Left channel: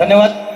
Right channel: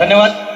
धन्यवाद.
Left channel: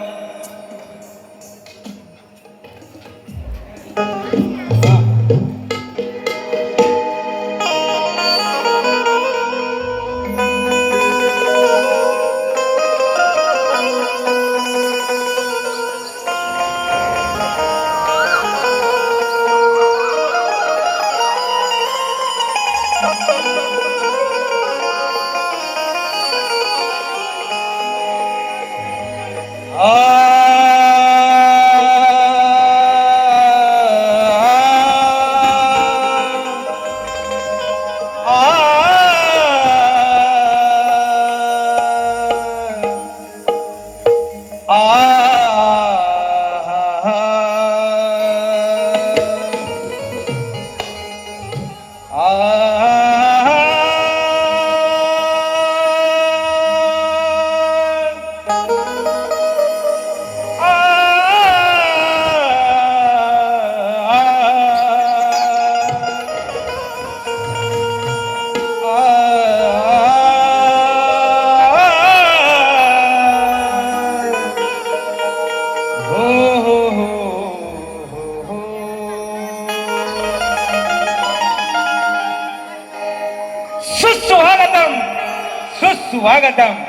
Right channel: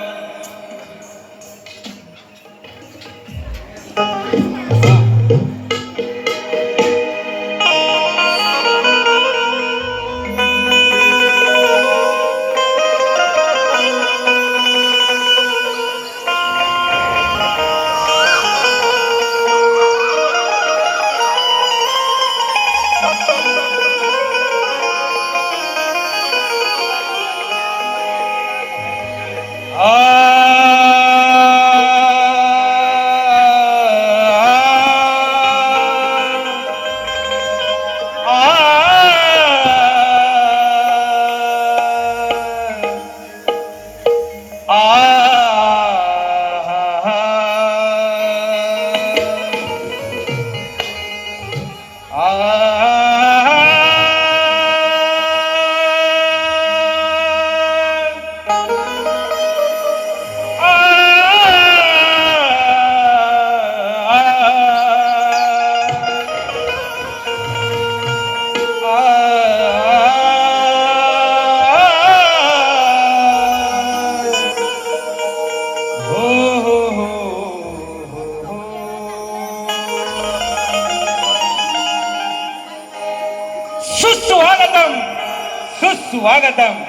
दाता.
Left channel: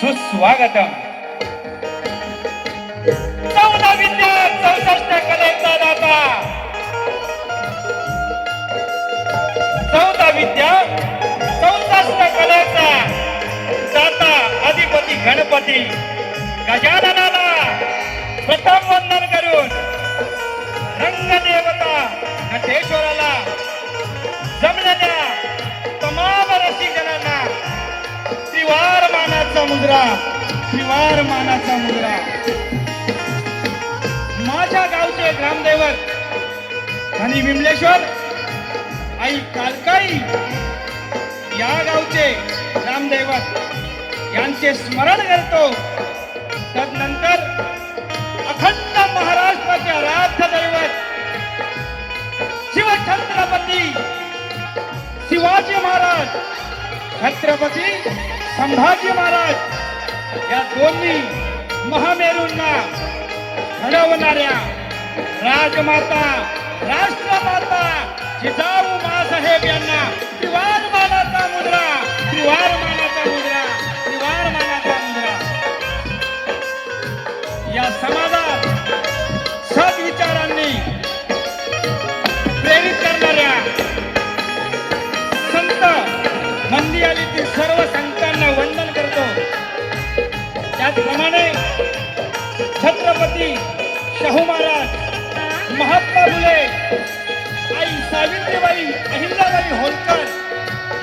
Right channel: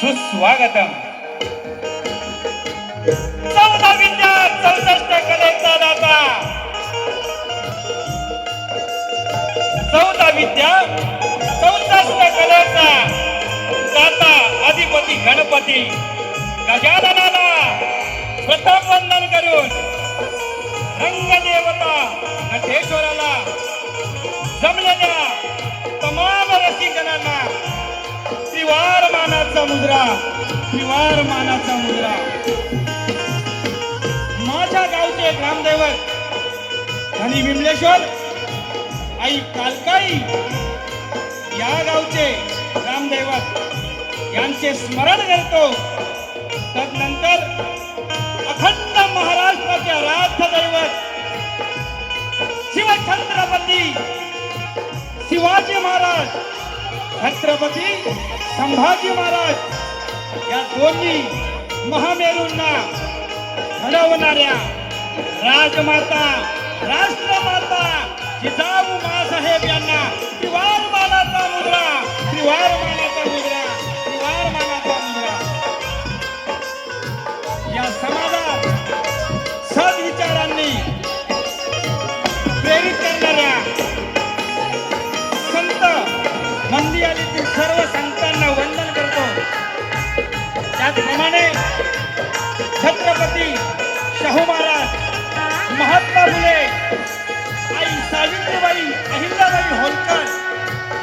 సుస్వాగతం गणपती. गजाननाला प्रथम वंदन करून रंगदेवता नटेश्वराला मानाचा मुद्रा त्रिवार मानाचा मुद्रा. माझ्या गावचे ग्रामदैवत आणि विमलेश्वर आई कालकाई या गावचे ग्रामदैवत यांचे स्मरण करतो. तदनंतर अखंड महाराष्ट्राचे आराध्य दैवत शिवछत्रपती शिवाजी महाराज छत्रपती संभाजी महाराज या दोन्ही महामेरूंना घडवणाऱ्या राजमाता राष्ट्रमाता जिजाऊ मासाहेब यांना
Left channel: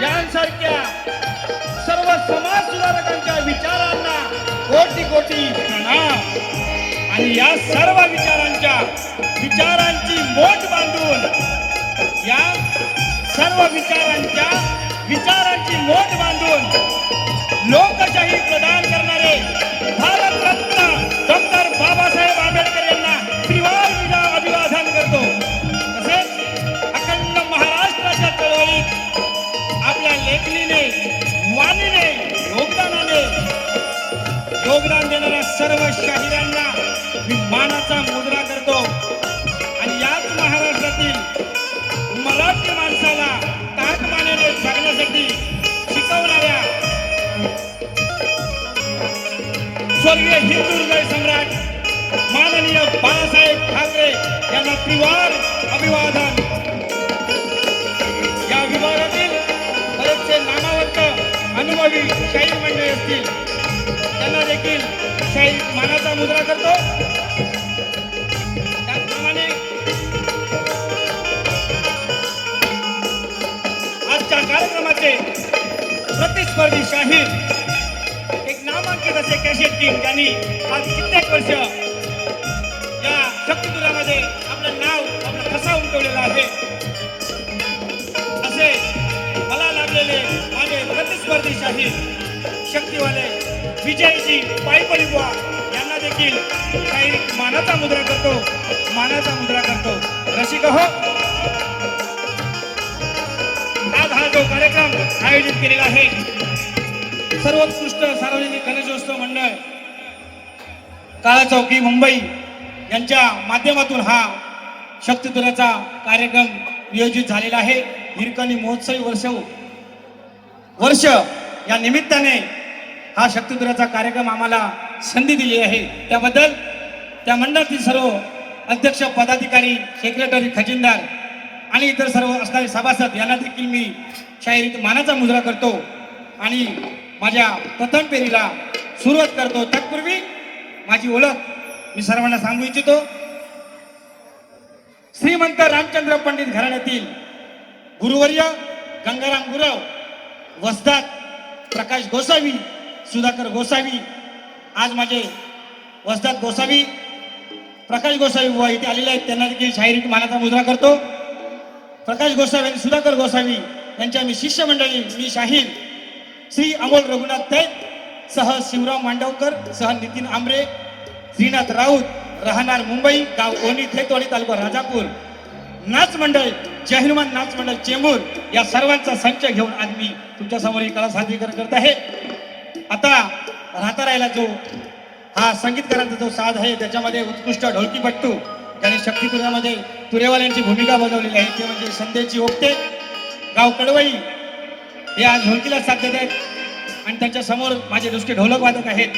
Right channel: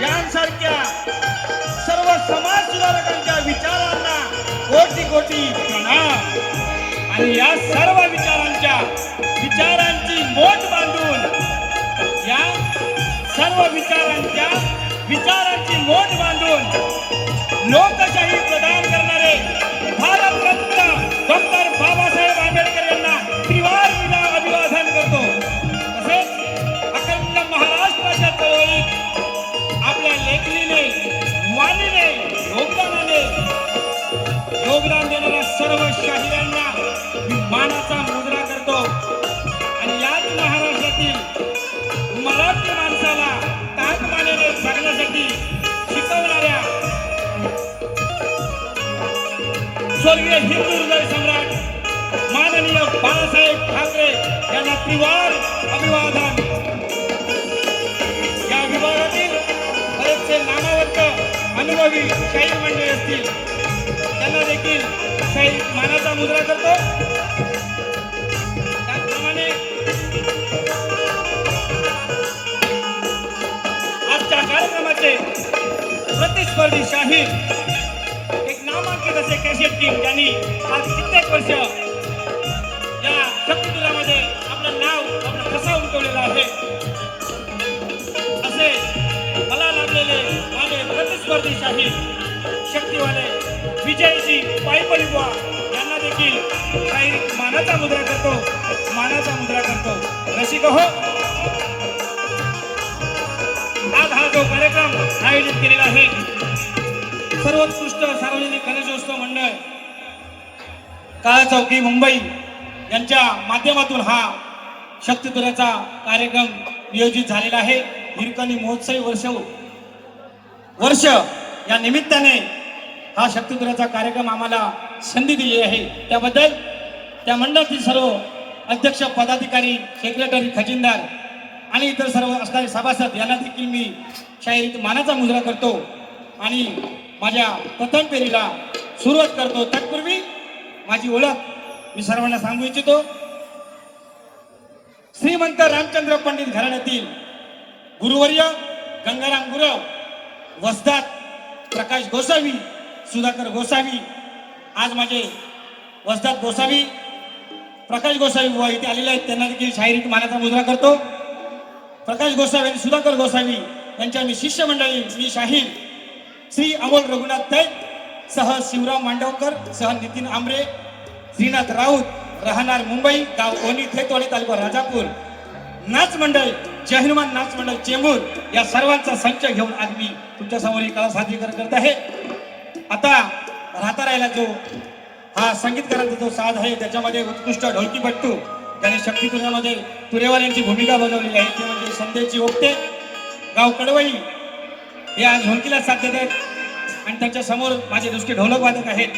यांसारख्या सर्व समाज सुधारकांच्या विचारांना कोटी कोटी प्रणाम. आणि या सर्व विचारांच्या विचारांची मोठ बांधून या सर्व विचारांच्या विचारांची नोंद योगदान देणाऱ्या सर्व शाहिरांना मी मानाचा मुद्रा करतो. आणि याच महाराष्ट्रातील मराठी माणसाला ताकमानेने जगण्यासाठी शिकवणाऱ्या स्वर्गीय हिंदू हृदय सम्राट माननीय बाळासाहेब ठाकरे यांना त्रिवार अभिवादन. या विभागातील बरेचसे नामावंत अनुभवी शाहीर मंडळी असतील. त्यांना देखील मानाचा मुद्रा करतो. त्याचप्रमाणे आजच्या कार्यक्रमाचे प्रतिस्पर्धी शाहीर एक नामांकित असे कॅशेट टीम ज्यांनी आज कित्येक वर्ष या शक्तीपुरामध्ये आपलं नाव आपलं ठसा उमटवलेला आहे. असे मला लाभलेले माझे प्रतिस्पर्धी शाहीर शक्तीवाले विजयजी पायपळी यांना देखील काही मानाचा मुद्रा करतो मानाचा मुद्रा करतो. रसिक हो. आज हा जो कार्यक्रम आयोजित केलेला आहे सर्वोत्कृष्ट सार्वजनिक गणेशोत्सव मंडळ काळा चौकी मुंबई यांच्या माध्यमातून हा शक्तितुऱ्याचा कार्यक्रम नियोजित झालेला आहे. हिरकणी महोत्सवी वर्ष वर्ष या निमित्ताने हा शक्तितुऱ्याचा कार्यक्रम आम्हाला संधी दिली आहे. त्याबद्दल त्या मंडळातील सर्व अध्यक्ष पदाधिकारी सेक्रेटरी खजिनदार आणि इतर सर्व असणारे सभासद यांना देखील मी शाहिरीत मानाचा मुजरा करतो आणि माझ्या प्रथम फेरीला सुरुवात करतो. तत्पूर्वी माझी ओळख मी सर्वांना सांगू इच्छितो. श्रीमंत रामचंद्र पंडित घराण्यातील गुरुवर्य गंगाराम गुरव वसदात प्रकाश गोसावी सुधाकर गोसावी आज माझे वसदात गोसावी प्रकाश गोसावी बुवा इथे आलेले आहेत. त्यांना देखील शाहिरीत मानाचा मुजरा करतो. प्रकाश गोसावी आणि सुधाकर गोसावी यांच्या मी शिष्यमंडळी मी शाहीर श्री अमोल रघुनाथ तैत सह शिवराम मांडवकर सह नितीन आंबरे श्रीनाथ राऊत राहणार मुंबई गाव ओनी थेतवाडी तालुका राजापूर. नाच मंडळ जय हनुमान नाच मंडळ चेंबूर या सर्वांचा संच घेऊन आज मी तुमच्यासमोर एक कला सादरीकरण करत आहे. आता राहता राहिला जो हा संगीतकारांचा जो साज आहे त्याच्यामध्ये उत्कृष्ट ढोलकीपट्टू त्याने शक्तीपुरामध्ये तुरेवाल्यांची भूमिका बजावलेली आहे. ते म्हणजे संध्याची ओपते गाव कडवई हे आज ढोलकीला साथ देत आहेत. आणि त्यांच्यासमोर माझे दुसरे ढोलक वादक आहेत.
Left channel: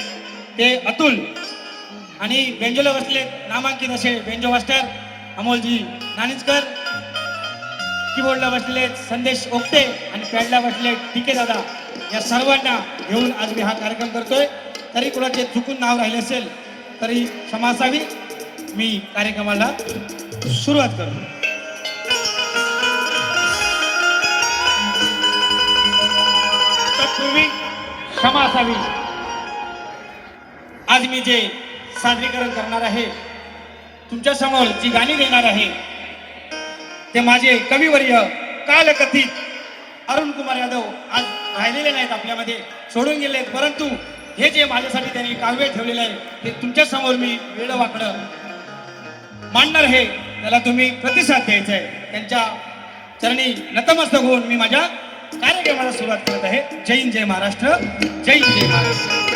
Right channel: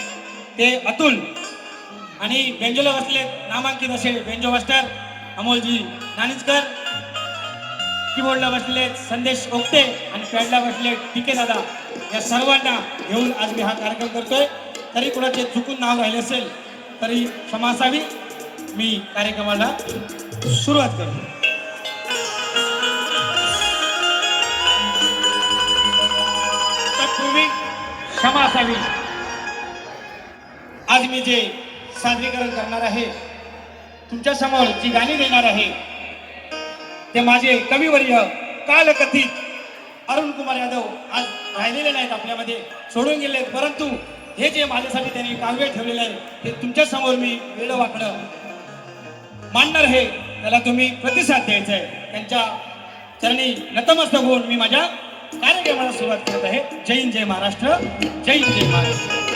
ते अतुल आणि बेंजोला बसले नामांकित असे बेंजो मास्टर अमोलजी नानिजकर. कीबोर्डला बसले संदेश ओकटे आणि पॅडला बसले टीके दादा. या सर्वांना घेऊन आज मी हा कार्यक्रम करतोय. तरी कुणाचे चुकून नाव राहिले असेल तरी क्षमा असावी. मी कार्यक्रमाला सुरुवात करतो. तत्पूर्वी क्षमा असावी. आज मी जे सादरीकरण करणार आहे तुमच्यासमोर जी गाणी देणार आहे ते माझे कविवर्य कालकथित अरुण कुमार यादव आज राहिलेले नाहीत आपल्यामध्ये सोडून गेले आहेत परंतु हे जे माझ्यासाठी त्यांनी काव्य ठेवलेले आहे ते तुमच्यासमोर मी वेळ वाकडं मांडणार हे त्याला तुम्ही प्रतिसाद द्यायचा आहे. त्यांच्या चरणी नतमस्तक होऊन मी माझ्या कार्यक्रमाला सुरुवात करत आहे. जय हिंद जय महाराष्ट्र. जय हिंद जय महाराष्ट्र.